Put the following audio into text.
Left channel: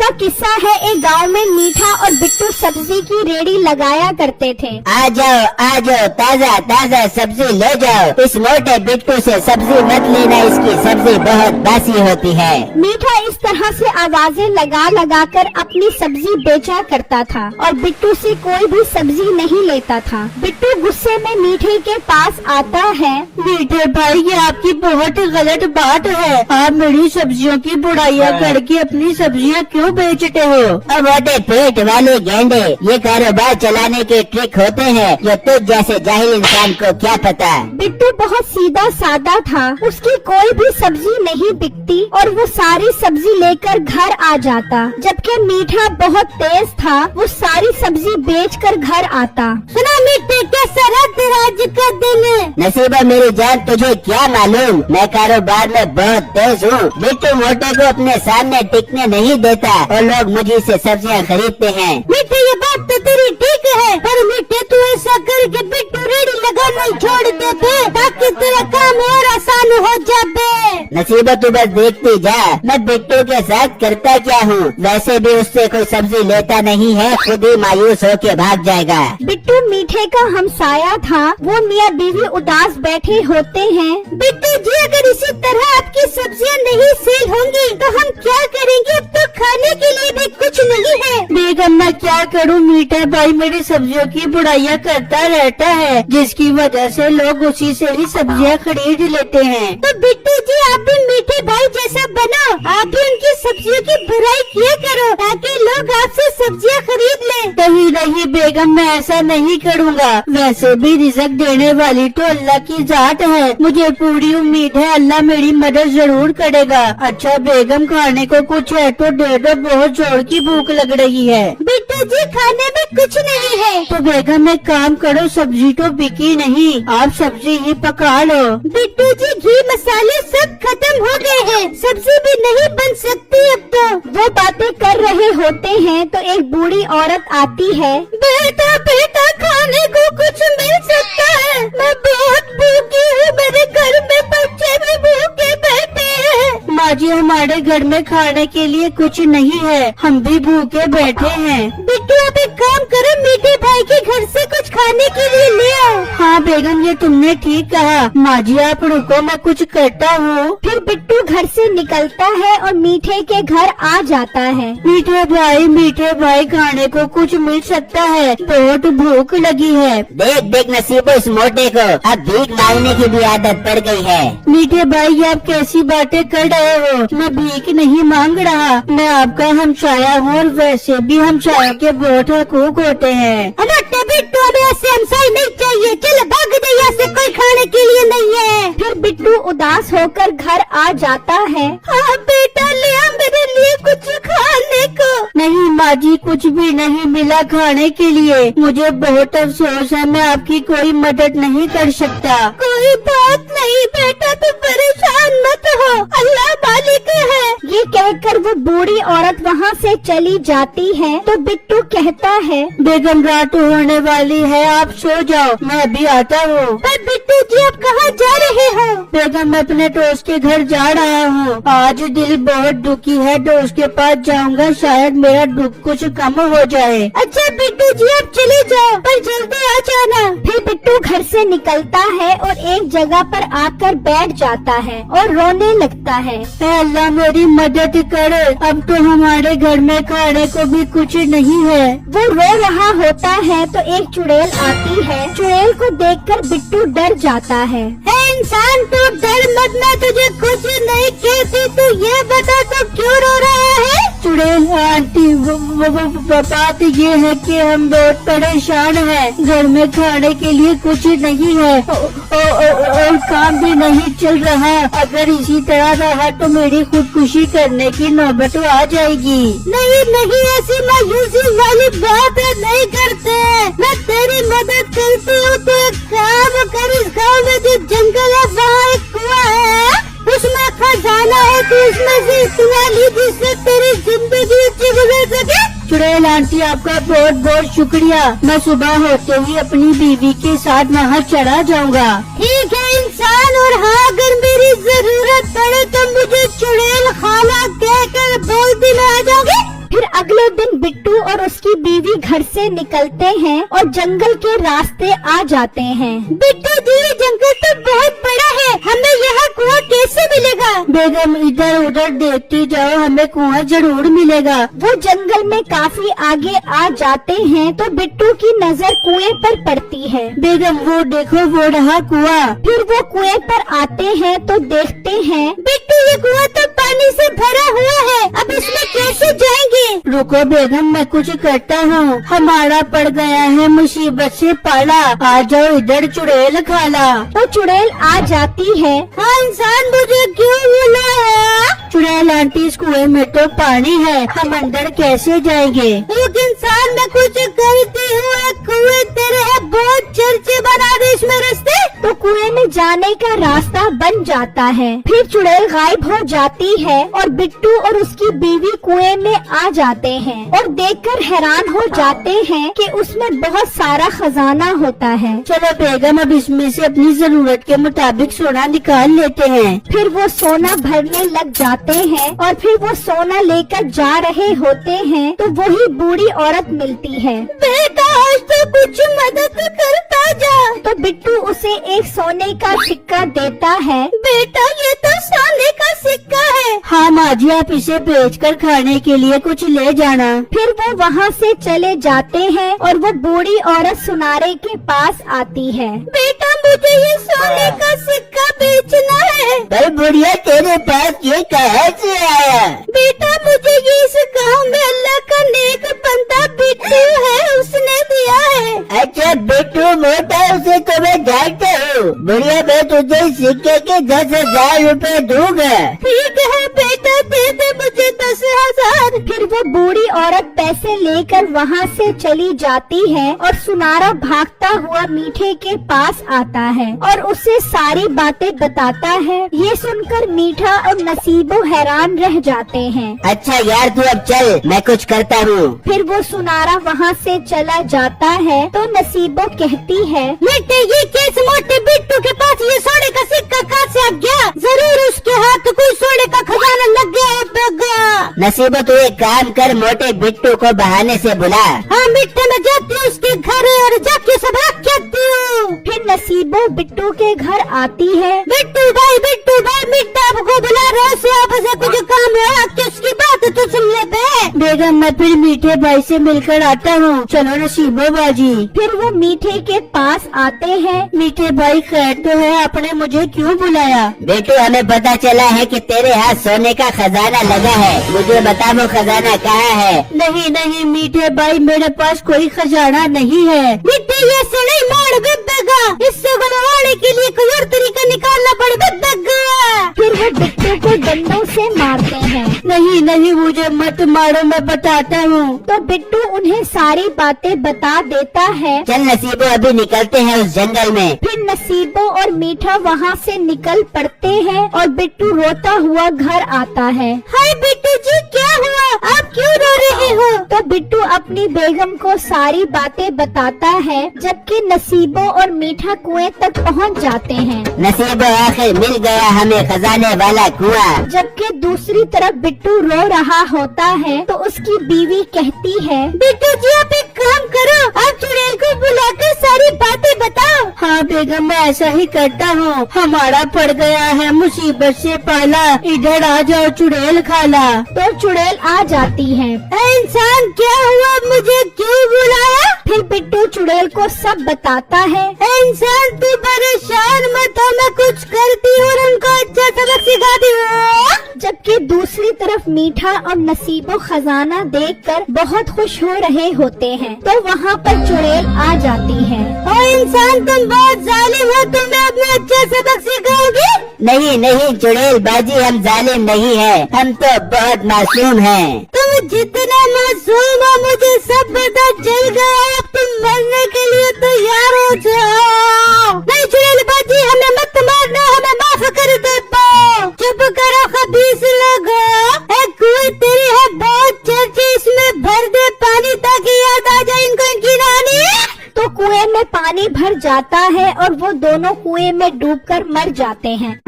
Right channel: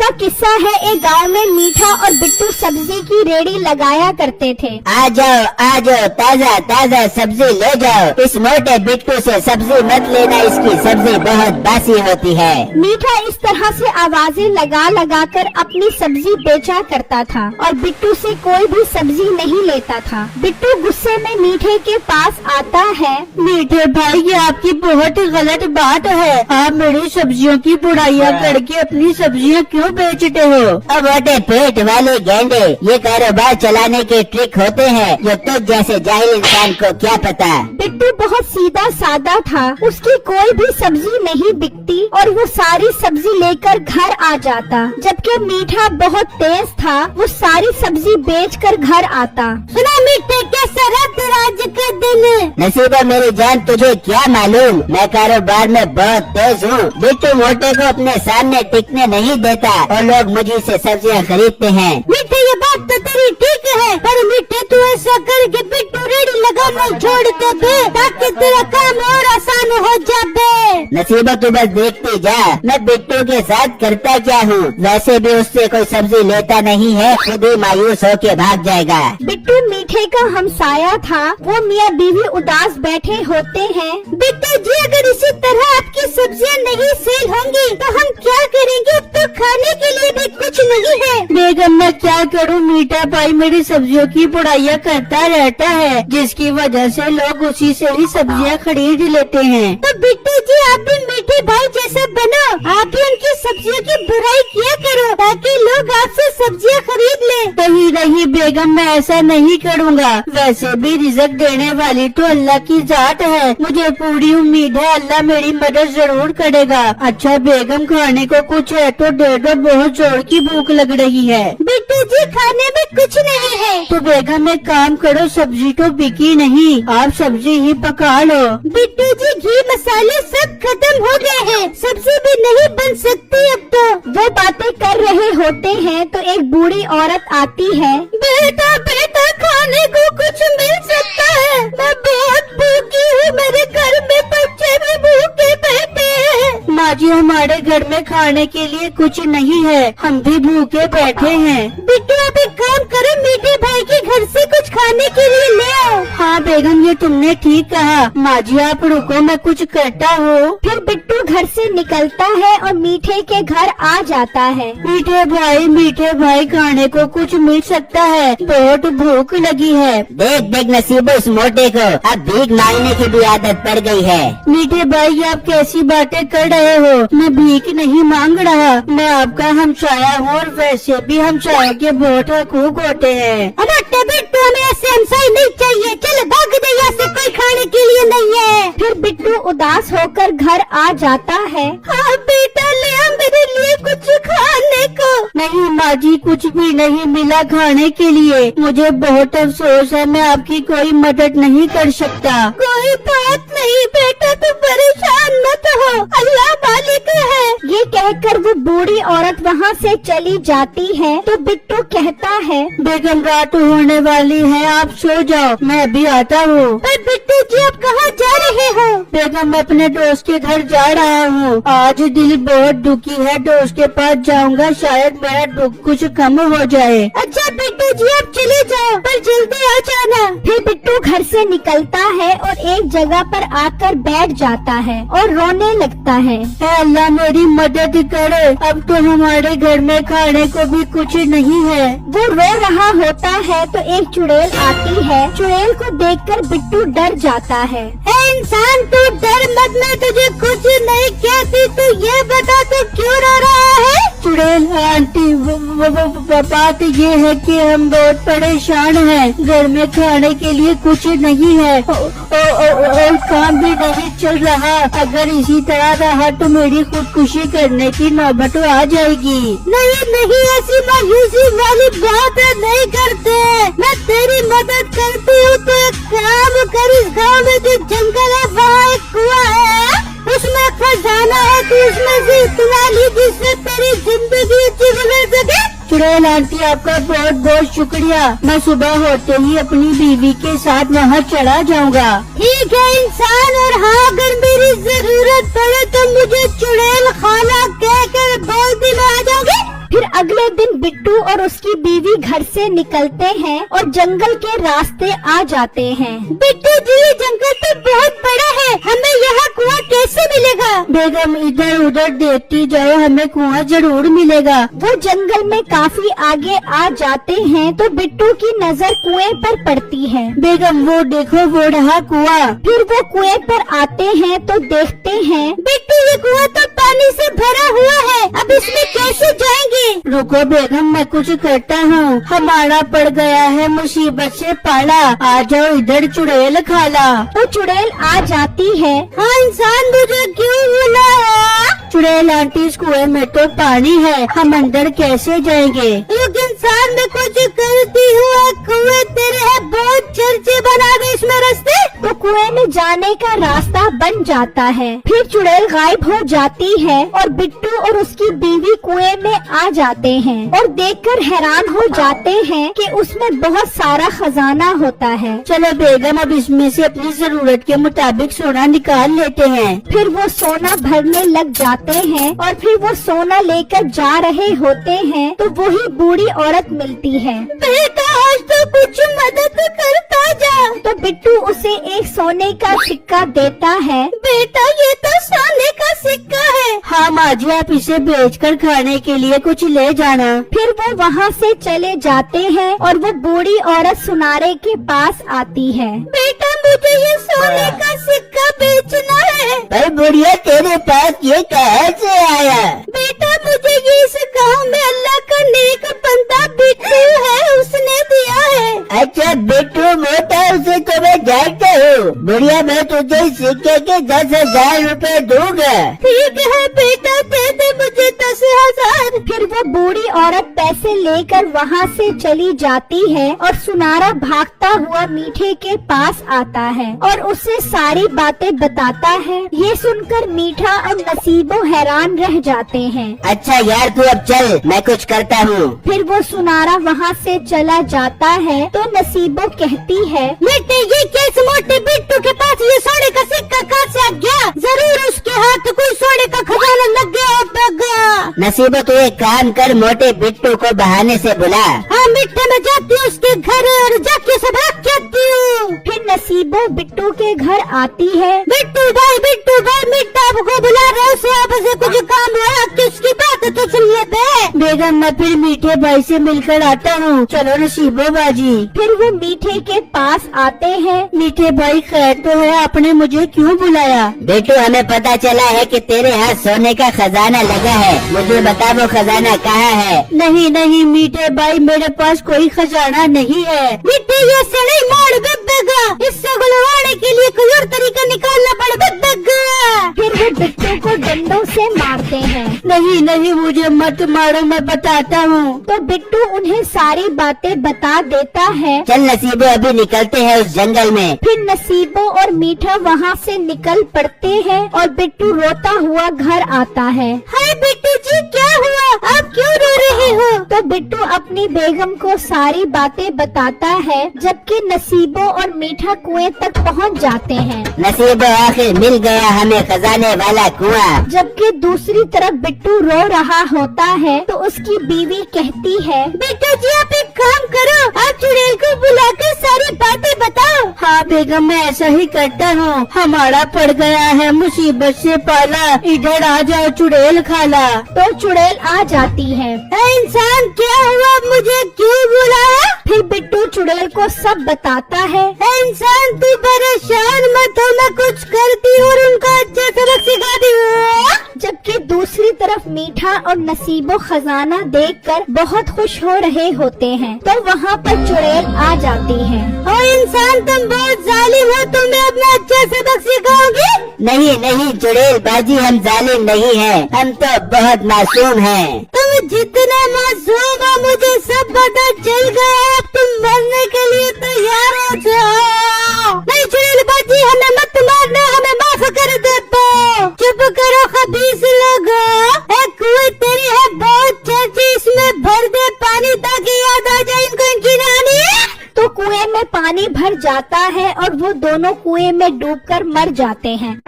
का किस्सा है, एक गांव में मीठा और बिट्टू सब्जी की रेडी लगाया करते थे। आ जाओ ताज़ा ताज़ा सब्जी ले जाओ। इस मोटे बिट्टू से सब्जी मत लेना, इसकी सब्जी बहुत बासी होती है। मीठा इस तरह से आवाजें लगा लगा कर अपनी सब्जी बेचा करता था और बिट्टू से कोई भी सब्जी नहीं लेता था। बिट्टू गुस्से में मीठे के पास आता है। मीठे भाई, ये आपकी बहुत ही गलत बात है। आप मेरी सब्जियों की बुराइयां करके अपनी सब्जियां क्यों बेचते हो? अब मोटे पेट वाले गेंडे, ये कारोबार चलाने के ट्रिक होते हैं जो तुझ जैसे जाहिल इंसान को क्या पता। बिट्टू बहुत सीधा सादा था, उसकी कोई भी सब्जी नहीं बिकती और वो सारी सब्जी लेकर घर आ जाता। जबकि मीठा बहुत तेज था, वो सारी सब्जी बेचकर घर आता। सुना मीठे, कैसा राज का दिन। नसीबा मेरी जान, तुझे क्या मालूम, मैं कारोबार में बहुत तेज हूँ। बिट्टू मोटे को अपने सामने टिकने नहीं देता और लोग मुझे से सब्जियाँ खरीदते हैं। मीठे, ये बात तो तेरी ठीक है, पर मीठे तू ऐसा करके बिट्टू रेडी लगाना ही छोड़ दे ताकि तेरा काम और आसान हो जाए। नसीबा तू बस देखती जा, मैं बिट्टू के साथ करता क्या हूँ। वैसे भी उससे कोई सब्जी लेता नहीं है, खुद ही मायूस होके भाग जाएगा। बिट्टू मीठे का हमसाया था, वो मियाँ बीवी उदास बैठे होते हैं। बिट्टू जी, अगर इसी तरह आपकी सब्जियां नहीं सेल होंगी तो हम क्या करेंगे? तो खाने के लिए भी कुछ नहीं है। बेगम, मैं क्या करूं? मीठा भाई मेरी सब्जियों की बुराइयां करता रहता है, जिसकी वजह से लोग उसी से ही सब्जियां खरीद लेते हैं। तो बिट्टू जी, आप भी मीठे भाई जैसा बनो, आप भी उनकी सब्जियों की बुराई किया करो ताकि लोग आपसे सब्जियां खरीद लें। नहीं बेगम, मैं ऐसा नहीं करूँगा। वैसे भी रिज़्क देने वाली तो अल्लाह की जात है, मुझे पूरी उम्मीद है अल्लाह मेरी मदद जरूर करेगा। अच्छा बेगम, खाने को कुछ है तो दे दो, बहुत जोर की भूख लग रही है। बिट्टू जी, खाने में कुछ नहीं है। तो बेगम एक काम करो, सब्जी तो बिकी नहीं, आप सब्जी ही पका लो। बिट्टू जी, घी मसाले सब खत्म हो गए हैं, सब्जी भी नहीं बन सकती अब तो। वो बातें कर रहे होते हैं तो एक बूढ़ी औरत आती है। बेटा खाने को कुछ मिल सकता है? मैं बहुत भूखी हूँ, मेरे घर में बच्चे भी भूखे बैठे हैं। माँ जी, हमारे घर में खाने के लिए कुछ नहीं है, हम भी भूखे बैठे हैं। बिट्टू, आप एक काम करो, मीठे भाई के घर से कुछ खाने के लिए ले आओ। हाँ बेगम, ये तुमने ठीक कहा। माँ जी आप रुको, मैं कुछ करता हूँ। फिर बिट्टू घर से निकलता है और मीठे के घर आ जाता है। मीठे भाई खाने को कुछ मिल सकता है? बहुत भूख लगी है। देख नसीबा, इस मोटे को अब भीख मांगने की भी आदत पड़ गई है। मीठे भाई, आप कैसी बातें कर रहे हो? मैं भीख नहीं मांग रहा, मैं आपका हमसाया हूँ और वैसे भी हमसाया के बहुत हकूक होते हैं। अरे बिट्टू, हमें ऐसे हमसाया नहीं चाहिए, चलो भाग दे यहाँ से, कोई खाने के लिए नहीं है। फिर बिट्टू उदास होकर घर आ जाता है। हाँ बेटा, ले आ मेरे लिए कुछ खाने को। नहीं माँ जी, कुछ भी नहीं मिला खाने के लिए, मुझे बहुत अफसोस है, मैं आपकी कोई मदद नहीं कर सकता। कोई बात नहीं बेटा, तुम परेशान मत हो, अल्लाह मालिक है। ये कहकर वो बूढ़ी औरत वहाँ से चली जाती है तो बिट्टू कहता है, बेगम रात होने वाली है, आप सो जाओ, मैं अभी आता हूँ। पर बिट्टू जी, आप कहाँ जा रहे हो? बेगम, मैं अपने दोस्त के घर जा रहा हूँ, आज दिल बहुत दुखी है, तो उसके पास जाऊँगा, शायद मेरा दुख कुछ कम हो जाए। अच्छा बिट्टू जी, आप चले जाओ, पर जल्दी आ जाना। फिर बिट्टू घर से निकलता है और एक जगह पर आकर बैठ जाता है और रोने लगता है। अल्लाह मेरी मदद करे, अब तो हमारे घर में खाने को भी कुछ नहीं है। वो रो रहा होता है तो एक चुड़ैल आती है। चुड़ैल को देखकर बिट्टू डर जाता है। इंसान, तू डर मत, मैं तुझे कुछ नहीं कहती, तू ये बता तो क्यों रो रहा है? चुड़ैल आंटी, बात ये है कि हम बहुत परेशान हैं, घर में खाने के लिए कुछ नहीं है और काम भी नहीं चल रहा। अगर इसी तरह रहा तो मेरी खुदकुशी करने की नौबत आ जाएगी। नहीं, ऐसी मायूसी वाली बात है, नहीं करते। मैं तेरी मदद करती हूँ, तो एक काम कर, इस गाँव में जो जंगल है वहाँ एक कुआं है, उसमें खजाना है, तो उसमें से इतना ली जिससे तेरी जिंदगी अच्छी गुजर सके। चुड़ैल आंटी, आपका बहुत बहुत शुक्रिया, मैं सुबह होते ही अपनी बीवी के साथ वहाँ चला जाऊँगा। ठीक है इंसान, और हाँ अगर मेरी जरूरत पड़े तो मुझे चुड़ैल खाना कहकर बोलती में आ जाओगे। अगले दिन बिट्टू और उसकी बीवी घर से निकलते हैं और जंगल के रास्ते आ जाते हैं। बिट्टू जी, ये जंगल तो बहुत बड़ा है, हमें यहाँ कुआं कैसे मिलेगा? बेगम इधर उधर देखते जाओ, हमें कुआं जरूर मिलेगा। वो जंगल में काफी आगे आ जाते हैं तो बिट्टू की नजर कुएं पर पड़ती है। बेगम वो देखो, वो रहा कुआं। फिर वो कुएं पर आते हैं तो देखते हैं बिट्टू, ये कुआं तो पानी से भरा हुआ है, अब इसमें कैसे जाएंगे? रुको बेगम, मैं कुछ करता हूँ। हमारा पड़ गया है मुसीबत से पाला, आ जाओ इधर चुड़ैल खाला। तो चुड़ैल आ जाती है। हाँ इंसान, मुझे क्यों बुलाया? चुड़ैल आंटी, इस कुएं में तो पानी है, हम अंदर कैसे जाएंगे? एक इंसान, मैं कुछ करती हूँ, कुएं तेरे है, बहुत चर्चे बना दे इसमें रास्ते। तो कुएं में जाने का रास्ता बन जाता है। फिर चुड़ैल गायब हो जाती है और बिट्टू और उसकी बीवी कुएं में आ जाते हैं और देखकर हैरान हो जाते हैं कि उसमें बहुत सारा खजाना होता है। चलो बेगम, अब इसमें से अपनी जरूरत के मुताबिक सोना निकाल लेते हैं। फिर वो सोना भरने लग जाते हैं और फिर वो सोना लेकर जा रहे होते हैं तो वही बूढ़ी औरत मिलती है। बेटा, आज तो कुछ मदद करता जा। तो बिट्टू उसे एक सोने का सिक्का देता है। बेटा, ये तो सोने का सिक्का है। हाँ माँ जी, आप इसे बेचकर खाने के लिए कुछ ले जाना। फिर वो वहाँ से चले जाते हैं और वो बूढ़ी औरत सुनारे के पास आती है। बेटा, मुझे ये सोने का सिक्का बेचना है। पर बुढ़िया, तेरे पास ये कहाँ से आया? बेटा, मुझे इस गांव में अल्लाह का नेक बंदा बिट्टू है, उसने दिया है। अच्छा बिट्टू मोटा, उसे तो मैं जानता हूँ। बुढ़िया, मैं तुझे सिक्के के 10,000 रुपए दूंगा। ठीक है बेटा, दे दे मुझे 10,000। फिर वो बूढ़ी औरत पैसे लेकर वहाँ से चली जाती है और सुनारा भागता हुआ मीठे के पास आता है और उसे सारी बातें बताता है। ये सुनकर मीठा और नसीबो हैरान रह जाते हैं। अच्छा यार, तू अब चल, मैं कुछ करता हूँ। फिर वो सुनारा वहाँ से चला जाता है तो नसीबो कहती है, बेटे, ये कैसे मोटे बिट्टू के पास ये सोने का सिक्का कहाँ से आ गया? जरूर उसके हाथ कोई सोने का खजाना लग गया होगा। नसीबो, तू एक काम कर, मोटे बिट्टू को बहाने से बुला। हाँ मिट्टी में जाती हूँ उसके घर और जाके से भाग जाती हूँ। फिर नसीबो बिट्टू के घर आती है। बिट्टू भाई, मिट्टा आपको बुला रहे हो, आपसे कुछ काम है, आपकी उसकी बात तो सुन लेते। बेगम, मैं फिर मीठे भाई से मिलकर आता हूँ। चलो नसीबो बाजी। फिर वो मीठे के पास आते हैं। मीठे भाई, खैर तो है, आपने मुझे क्यों बुलाया? बेटो, हमें पता चला है कि तेरे हाथ सोने का खजाना लगा है, मुझे बता वो खजाना कहाँ है? नहीं नहीं मीठे भाई, मेरे पास कोई खजाना नहीं है। मिट्टी जैसे नहीं मार बेगा, इससे गुलवाने के लिए कोई और तरीका निकालना पड़ेगा। फिर वो बिट्टू को डंडों से मारते हैं। नहीं नहीं, मुझे मत मारो, मैं बताता हूँ। तो बिट्टू उन्हें सारी बातें बता देता है। चल नसीबो, अभी निकलते हैं उस जंगल में। फिर नसीबो और मीठा वहाँ से निकल पड़ते हैं और बिट्टू रोता हुआ घर आता है। हाय बिट्टू जी, क्या हुआ? आप क्यों रो रहे हो? तो बिट्टू अपनी बेगम को सारी बातें बताता है, जबकि नसीबो और मीठा कुएं तक पहुँच जाते हैं। नसीबो, आखिर मिल गया हमें खजाने वाला कुआं। जबकि दूसरी तरफ बिट्टू रो रहा होता है तो उसकी बीवी कहती है, बिट्टू जी, आप एक काम करो, आप चुड़ैल को बुलाकर सारी बातें बताओ। हाँ बेगम, मैं ऐसा ही करता हूँ। हमारा पड़ गया है मुसीबत से पाला, इधर आ जाओ चुड़ैल खाला। तो चुड़ैल आ जाती है। इंसान, क्या हुआ, मुझे क्यों बुलाया? फिर बिट्टू चुड़ैल को सब बताता है। इंसान, तू परेशान मत हो, मैं कुछ करती हूँ और उनको अच्छा सबक सिखा दी हूँ। जबकि दूसरी तरफ मीठा और नसीबो खजाना देखकर बहुत खुश हो रहे होते हैं तो वहाँ पर चुड़ैल आ जाती है। और इंसान, तुम बहुत जालिम हो, तुम्हें अपना अच्छा सबक सिखाओगे? नहीं नहीं चुड़ैल बाजी, हम जालिम नहीं है, हम तो बहुत मासूम हैं। तुम जितना मासूम हो मुझे सब पता चल गया, अब तुम मरने के लिए तैयार हो जाओ। नहीं चुड़ैल बाजी, हमें मत मारना, हमें माफ कर दे। चुप करो खबीस लोगो, एक कुएं तेरी है बहुत चर्चे, इसमें भर दे पानी ताकि याद आ जाए इनको इनकी नानी। तो कुएं में पानी भर जाता है और वो दोनों कुएं में डूबकर मर जाते हैं।